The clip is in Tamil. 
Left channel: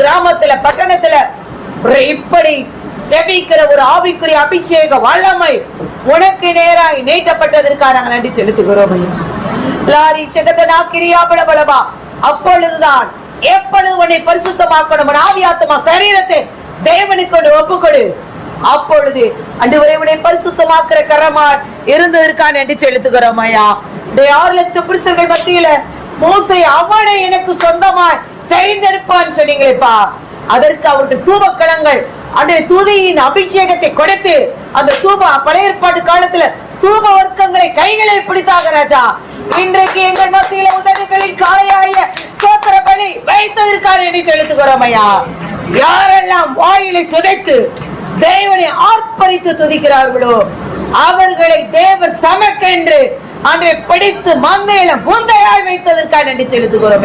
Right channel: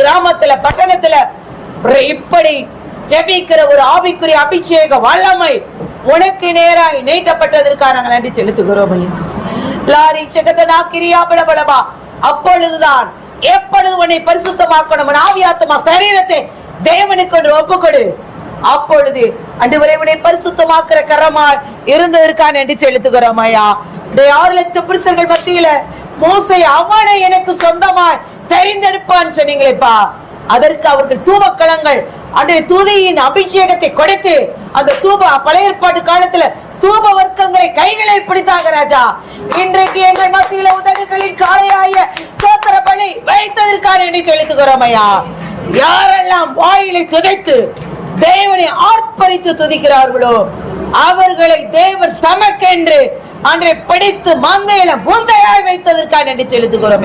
கிராமத்துல பட்டணத்துல இப்படி ஜெபிக்கிற ஒரு ஆவிக்குரிய அபிஷேக வல்லமை உனக்கு நேராய் நீட்டப்பட்டதற்காக நாங்கள் நன்றி செலுத்துகிறோம். லாரி சகதனா கிரியா பலபலபா. அப்பொழுதுதான் எப்பொழுது உன்னை பரிசுத்தமாக்கணும் ஆவியாத்மா சரீரத்தை தேவனுக்கு ஒப்புக்கொடு. அப்பொழுது அன்றுவரை உன்னை பரிசுத்தமாக்குற கரமாய் இருந்ததற்காக நன்றி செலுத்துகிறோம் ஐயா. 6 லட்சம் புருஷர்கள் மத்தியில மோசே அவனை எனக்கு சொந்தமாய் தெரிந்தெடுப்பான்னு சொன்னீங்களேப்பா. அதற்கு அவர்கள் தூபக்களங்கள் அந்த துதியின் அபிஷேகத்தை கொடுத்து அந்த தூப பழைய ஏற்பாட்டு காலத்துல தூப வர்க்கங்களை கைகளை பிடித்தாக ராஜா. இன்றைக்கு எங்கள் மத்தியில உதடுகளின் காலையாய சோத்திர பலி வைத்ததற்காக நன்றி செலுத்துகிறோம் ஐயா. யாரெல்லாம் வாயிலை துதைத்து தேவனை ஆர்ப்பரித்து துதிக்கிறார்களோ அவர்களை தேவன் தமக்கென்று அன்றை பிடித்து மந்தையில முந்தையாய் வைத்ததற்காக நன்றி செலுத்துகிறோம் ஐயா.